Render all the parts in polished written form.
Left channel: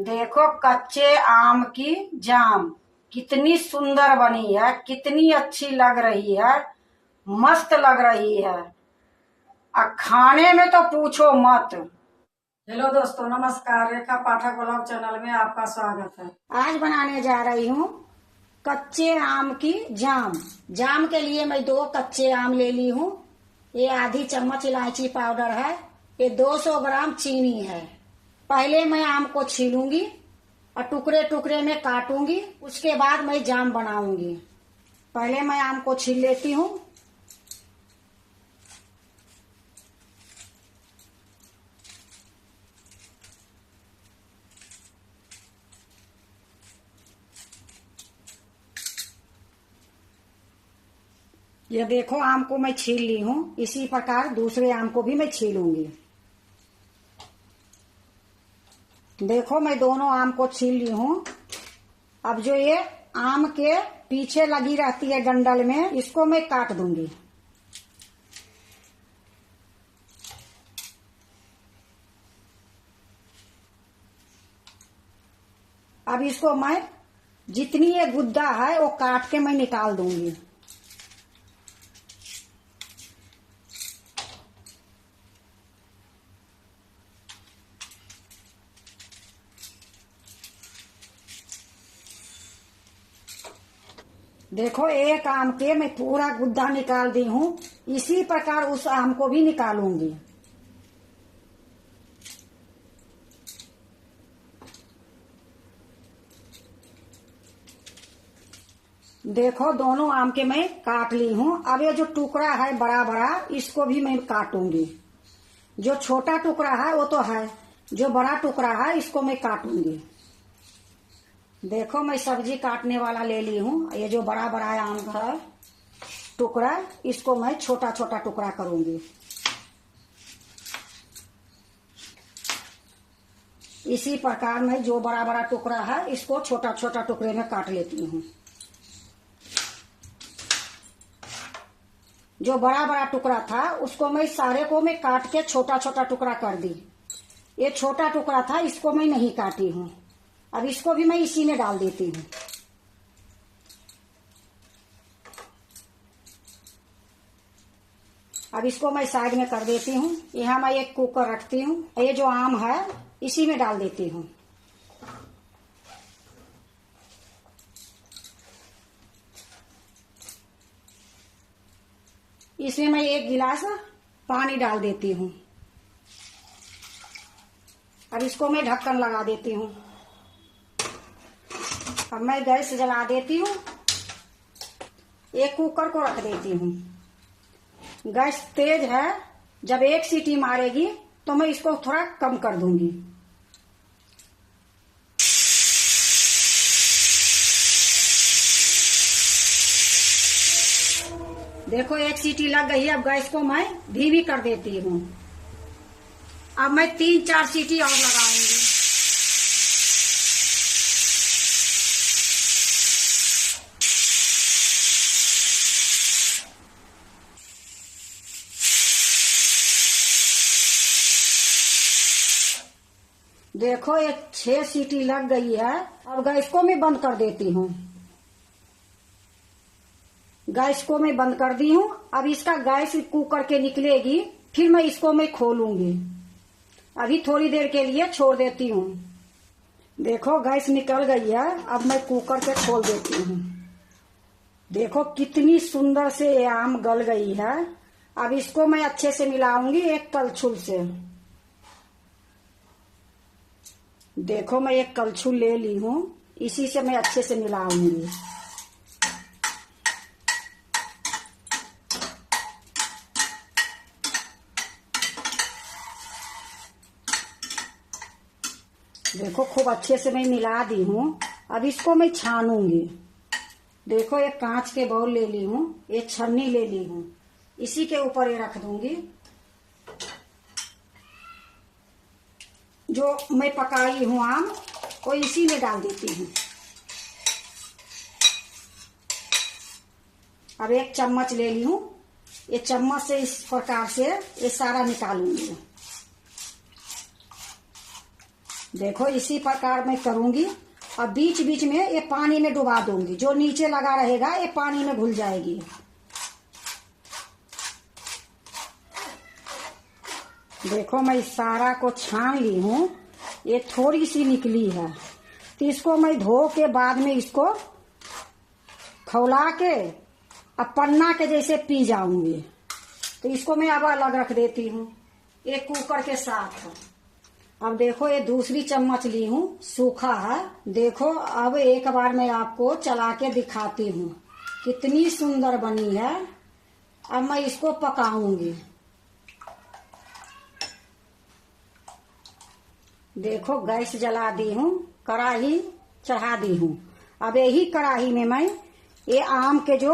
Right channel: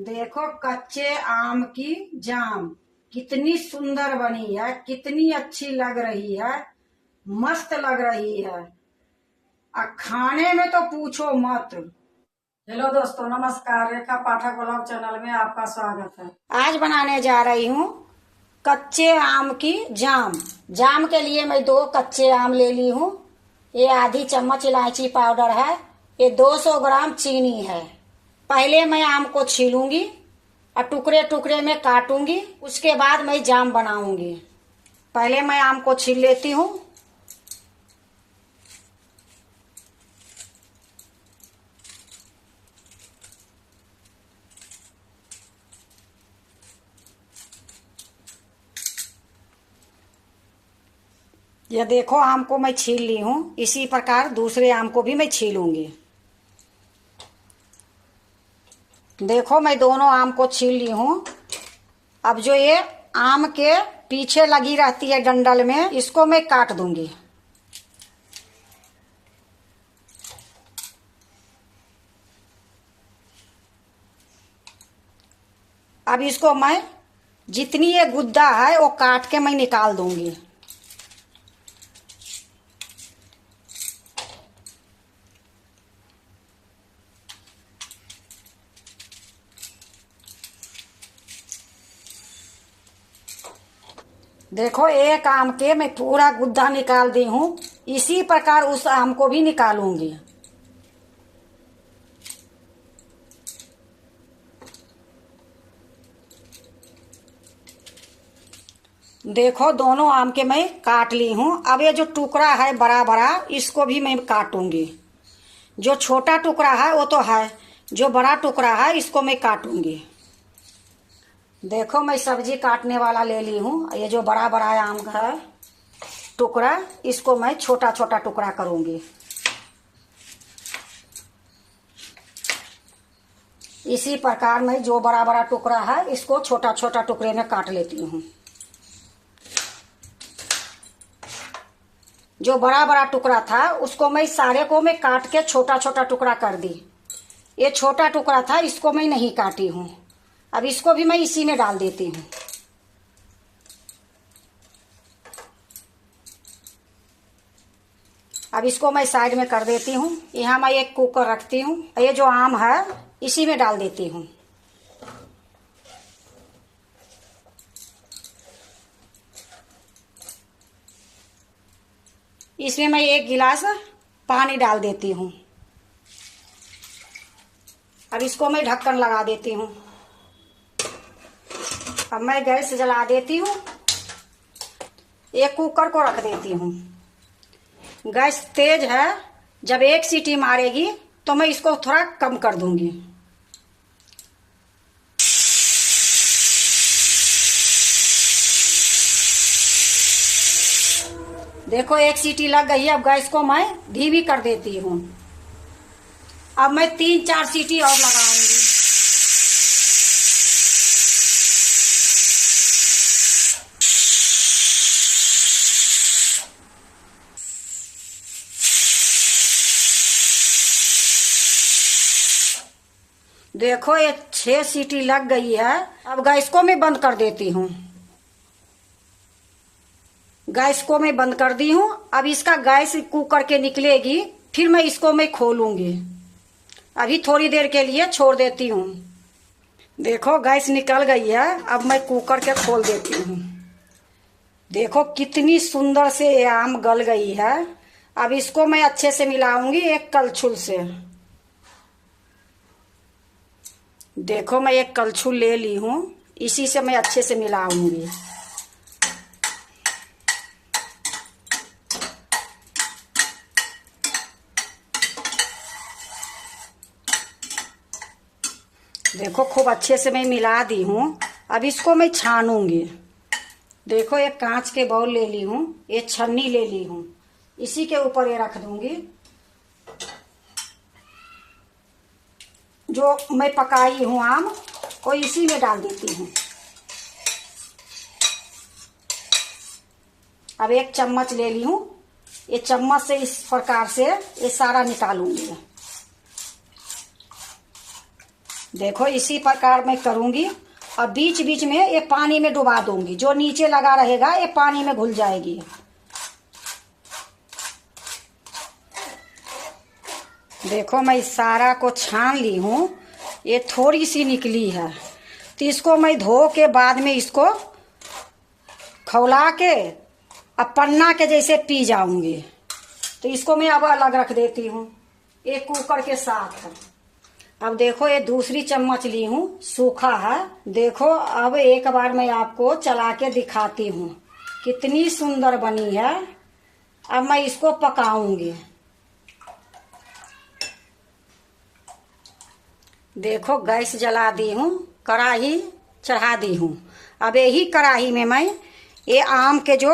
देखो कच्चे आम की जाम कितनी सुंदर बनी है, कितनी अच्छी लग रही है, मस्त लग रही है। खाने में तो पूछो मत। हेलो दोस्तों, नमस्कार। रेखा पाठक ब्लॉग चैनल में आपका स्वागत है। आज बनाने जा रही हूँ कच्चे आम की जाम। जाम के लिए मैं 2 कच्चे आम ले ली हूँ। ये आधी चम्मच इलायची पाउडर है। ये 200 ग्राम चीनी है। पहले मैं आम को छीलूंगी और टुकड़े टुकड़े में काटूंगी। उसके बाद मैं जाम बनाऊंगी। पहले मैं आम को छील लेती हूँ। यह देखो, आम को मैं छील ली हूँ। इसी प्रकार दूसरे आम को भी मैं छीलूंगी। देखो, मैं दोनों आम को छील ली हूँ। अब जो ये आम के पीछे लगी रहती है डंडल में, इसको मैं काट दूंगी। अब इसको मैं जितनी ये गुद्दा है वो काट के मैं निकाल दूंगी। देखो, एक आम के मैं पूरा गुद्दा निकाल दी हूँ। इसी प्रकार उस आम को भी निकालूंगी। देखो, दोनों आम के मैं काट ली हूँ। अब ये जो टुकड़ा है बड़ा बड़ा, इसको भी मैं काटूंगी। जो छोटा टुकड़ा है वो तो है, जो बड़ा टुकड़ा है इसको मैं काटूंगी। देखो, मैं सब्जी काटने वाला ले ली हूँ। ये जो बड़ा बड़ा आम का है टुकड़ा, इसको मैं छोटा छोटा टुकड़ा करूंगी। इसी प्रकार मैं जो बड़ा बड़ा टुकड़ा है इसको छोटा छोटा टुकड़े में काट लेती हूँ। जो बड़ा बड़ा टुकड़ा था उसको मैं सारे को मैं काट के छोटा छोटा टुकड़ा कर दी। ये छोटा टुकड़ा था, इसको मैं नहीं काटी हूँ। अब इसको भी मैं इसी में डाल देती हूँ। अब इसको मैं साइड में कर देती हूँ। यहाँ मैं एक कुकर रखती हूँ। ये जो आम है इसी में डाल देती हूँ। इसमें मैं 1 गिलास पानी डाल देती हूँ। अब इसको मैं ढक्कन लगा देती हूँ। अब मैं गैस जला देती हूँ। एक कुकर को रख देती हूँ। गैस तेज है। जब 1 सीटी मारेगी तो मैं इसको थोड़ा कम कर दूंगी। देखो, 1 सीटी लग गई है। अब गैस को मैं धीमी कर देती हूँ। अब मैं 3-4 सीटी और लगाऊंगी। देखो, ये 6 सीटी लग गई है। अब गैस को मैं बंद कर देती हूँ। गैस को मैं बंद कर दी हूँ। अब इसका गैस कुकर के निकलेगी, फिर मैं इसको मैं खोलूंगी। अभी थोड़ी देर के लिए छोड़ देती हूँ। देखो, गैस निकल गई है। अब मैं कुकर के खोल देती हूँ। देखो, कितनी सुंदर से ये आम गल गई है। अब इसको मैं अच्छे से मिलाऊंगी एक कलछुल से। देखो, मैं एक कलछुल ले ली हूँ। इसी से मैं अच्छे से मिलाऊंगी। देखो, खूब अच्छे से मैं मिला दी हूँ। अब इसको मैं छानूंगी। देखो, एक कांच के बाउल ले ली हूँ। एक छन्नी ले ली हूँ। इसी के ऊपर ये रख दूंगी। जो मैं पकाई हूँ आम को इसी में डाल देती हूँ। अब 1 चम्मच ले ली हूँ। ये चम्मच से इस प्रकार से ये सारा निकालूंगी। देखो इसी प्रकार मैं करूंगी और बीच बीच में ये पानी में डुबा दूंगी, जो नीचे लगा रहेगा ये पानी में घुल जाएगी। देखो मैं इस सारा को छान ली हूँ, ये थोड़ी सी निकली है, तो इसको मैं धो के बाद में इसको खौला के अब पन्ना के जैसे पी जाऊंगी। तो इसको मैं अब अलग रख देती हूँ एक कुकर के साथ। अब देखो ये दूसरी चम्मच ली हूँ, सूखा है। देखो अब एक बार मैं आपको चला के दिखाती हूँ कितनी सुंदर बनी है। अब मैं इसको पकाऊंगी। देखो गैस जला दी हूँ, कढ़ाई चढ़ा दी हूँ। अब यही कढ़ाई में मैं ये आम के जो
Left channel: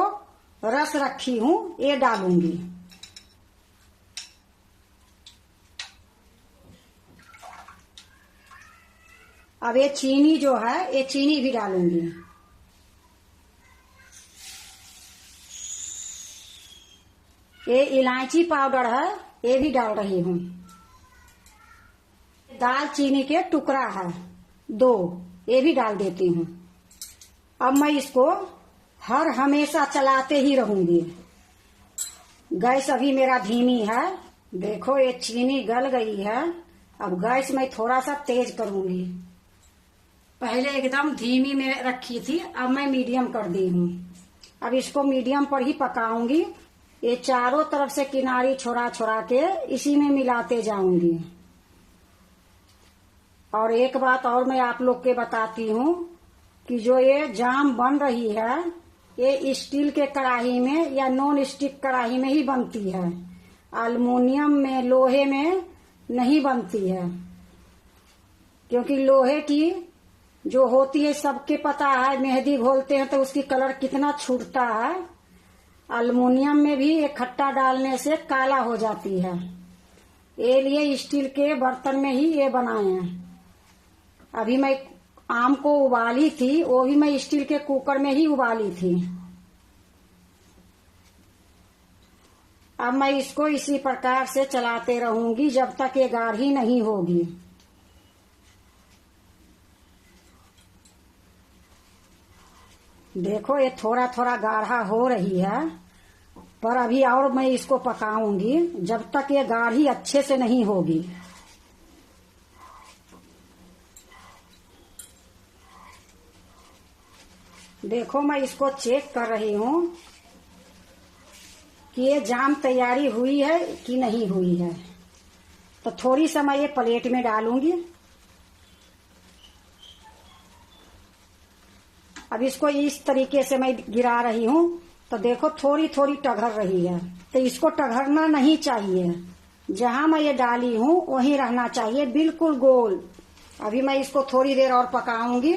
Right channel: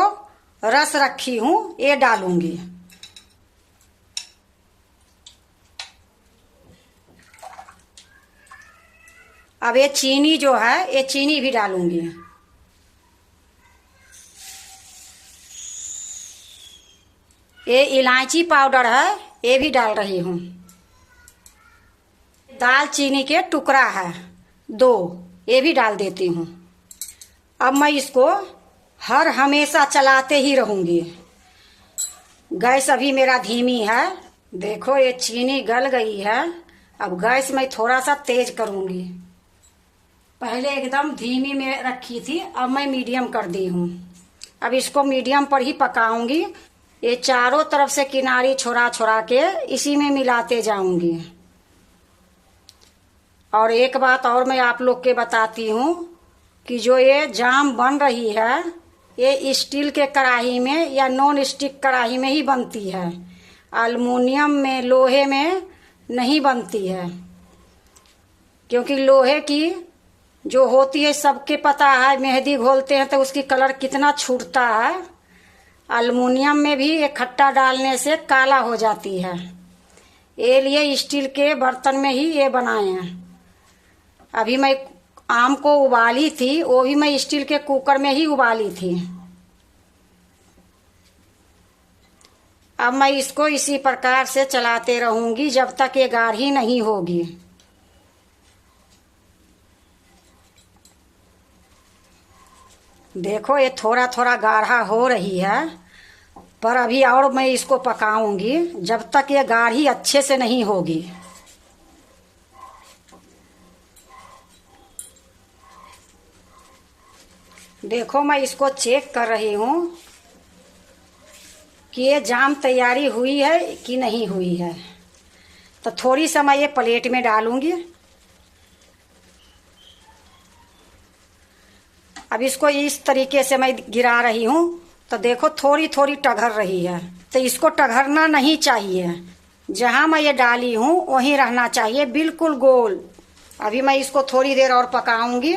रस रखी हूँ ये डालूंगी। अब ये चीनी जो है ये चीनी भी डालूंगी। ये इलायची पाउडर है ये भी डाल रही हूँ। दालचीनी के टुकड़ा है 2, ये भी डाल देती हूँ। अब मैं इसको हर हमेशा चलाते ही रहूंगी। गैस अभी मेरा धीमी है। देखो ये चीनी गल गई है। अब गैस मैं थोड़ा सा तेज करूंगी। पहले एकदम धीमी में रखी थी, अब मैं मीडियम कर दी हूँ। अब इसको मीडियम पर ही पकाऊंगी। ये चारों तरफ से किनारी छोड़ा छोड़ा के इसी में मिलाते जाऊंगी। और एक बात और मैं आप लोग के बताती हूँ कि जो ये जाम बन रही है ये स्टील के कढ़ाई में या नॉन स्टिक कढ़ाई में ही बनती है, एल्युमिनियम में लोहे में नहीं बनती है। क्योंकि लोहे की जो होती है सबके पता है, मेहंदी घोलते हैं तो उसकी कलर कितना छूटता है। एल्युमिनियम में भी ये खट्टा डालने से काला हो जाती है। ये लिए स्टील के बर्तन में ही ये बनाए हैं। अभी मैं आम को उबाली थी, वो भी मैं स्टील के कुकर में ही उबाली थी। अब मैं इसको इसी प्रकार से चलाते रहूंगी जब तक ये गाढ़ी नहीं होगी। देखो ये थोड़ा थोड़ा गाढ़ा हो रही है, पर अभी और मैं इसको पकाऊंगी जब तक ये गाढ़ी अच्छे से नहीं होगी। देखो मैं इसको चेक कर रही हूँ कि ये जाम तैयारी हुई है कि नहीं हुई है। तो थोड़ी सा मैं ये प्लेट में डालूंगी। अब इसको इस तरीके से मैं गिरा रही हूँ, तो देखो थोड़ी थोड़ी टघर रही है। तो इसको टघरना नहीं चाहिए, जहां मैं ये डाली हूँ वहीं रहना चाहिए, बिल्कुल गोल। अभी मैं इसको थोड़ी देर और पकाऊंगी।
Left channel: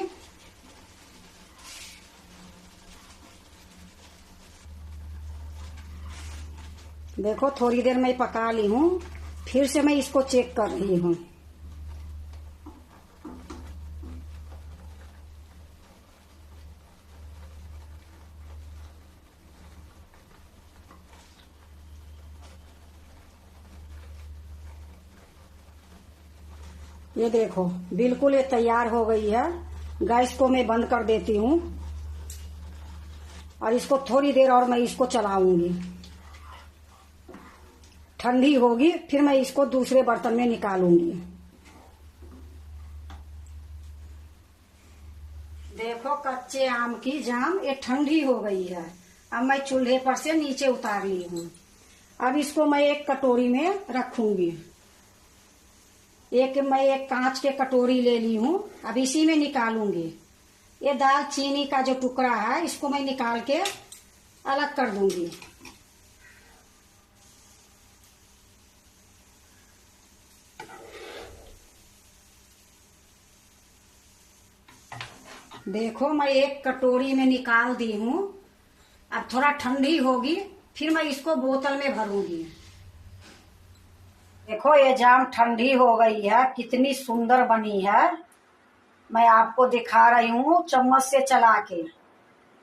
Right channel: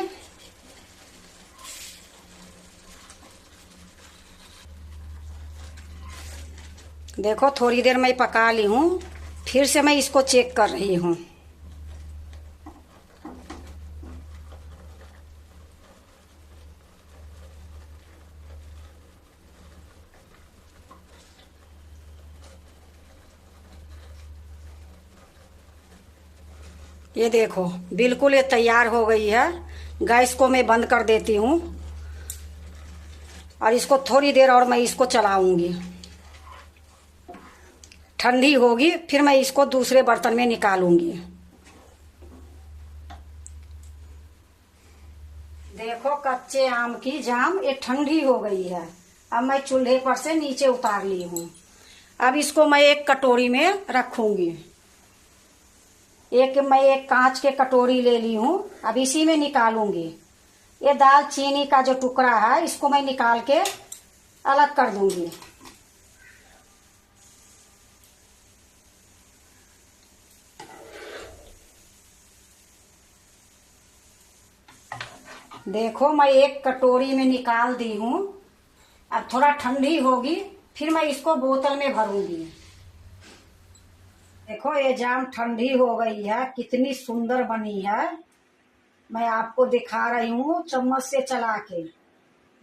देखो थोड़ी देर मैं पका ली हूँ, फिर से मैं इसको चेक कर रही हूँ। ये देखो बिल्कुल ये तैयार हो गई है। गैस को मैं बंद कर देती हूँ और इसको थोड़ी देर और मैं इसको चलाऊंगी। ठंडी होगी फिर मैं इसको दूसरे बर्तन में निकालूंगी। देखो कच्चे आम की जाम ये ठंडी हो गई है। अब मैं चूल्हे पर से नीचे उतार ली हूँ। अब इसको मैं एक कटोरी में रखूंगी। मैं एक कांच के कटोरी ले ली हूँ, अब इसी में निकालूंगी। ये दालचीनी का जो टुकड़ा है इसको मैं निकाल के अलग कर दूंगी। देखो मैं एक कटोरी में निकाल दी हूँ। अब थोड़ा ठंडी होगी फिर मैं इसको बोतल में भरूंगी। देखो ये जाम ठंडी हो गई है, कितनी सुंदर बनी है। मैं आपको दिखा रही हूँ चम्मच से चला के।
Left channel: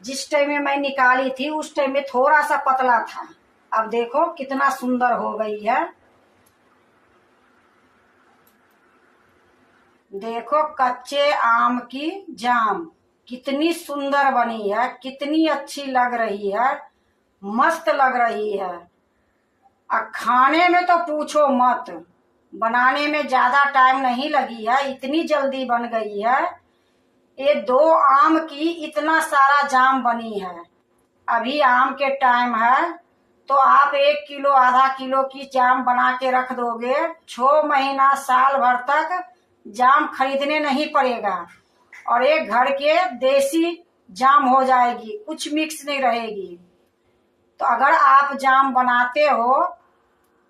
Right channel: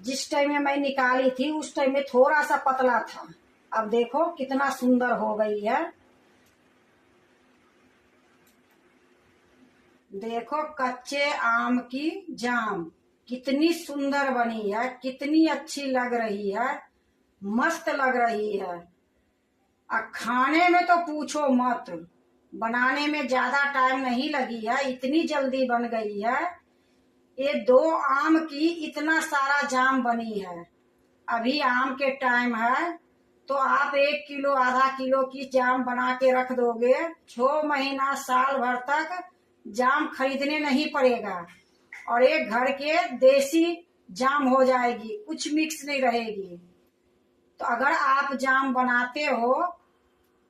जिस टाइम में मैं निकाली थी उस टाइम में थोड़ा सा पतला था, अब देखो कितना सुंदर हो गई है। देखो कच्चे आम की जाम कितनी सुंदर बनी है, कितनी अच्छी लग रही है, मस्त लग रही है। खाने में तो पूछो मत, बनाने में ज्यादा टाइम नहीं लगी है, इतनी जल्दी बन गई है। ये 2 आम की इतना सारा जाम बनी है। अभी आम के टाइम है तो आप 1 किलो आधा किलो की जाम बना के रख दोगे, 6 महीना साल भर तक जाम खरीदने नहीं पड़ेगा और एक घर के देसी जाम हो जाएगी, कुछ मिक्स नहीं रहेगी। तो अगर आप जाम बनाते हो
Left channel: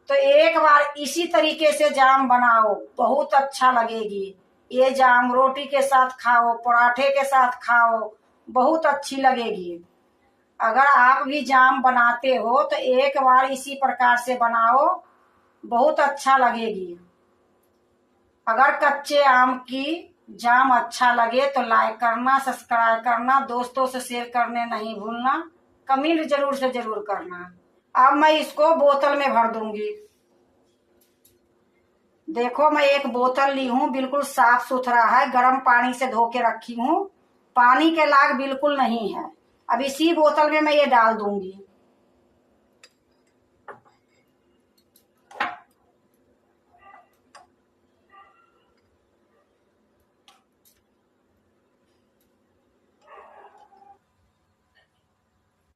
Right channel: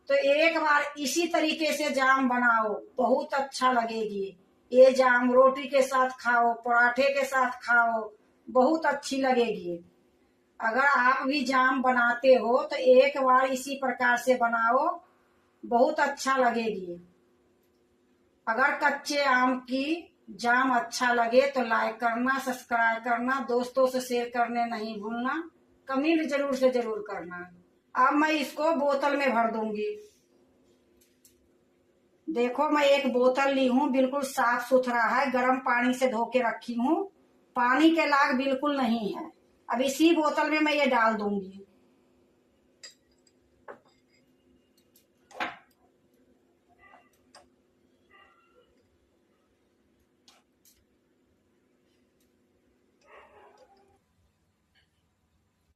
तो एक बार इसी तरीके से जाम बनाओ, बहुत अच्छा लगेगी। ये जाम रोटी के साथ खाओ, पराठे के साथ खाओ, बहुत अच्छी लगेगी। अगर आप भी जाम बनाते हो तो एक बार इसी प्रकार से बनाओ, बहुत अच्छा लगेगी। अगर कच्चे आम की जाम अच्छा लगे तो लाइक करना, सब्सक्राइब करना, दोस्तों से शेयर करने नहीं भूलना, कमेंट जरूर से जरूर करना। अब मैं इसको बोतल में भर दूंगी। देखो मैं एक बोतल ली हूँ, बिल्कुल साफ सुथरा है, गर्म पानी से धो के रखी हूँ, पानी के लाग बिल्कुल नहीं है। अब इसी बोतल में मैं ये डाल दूंगी।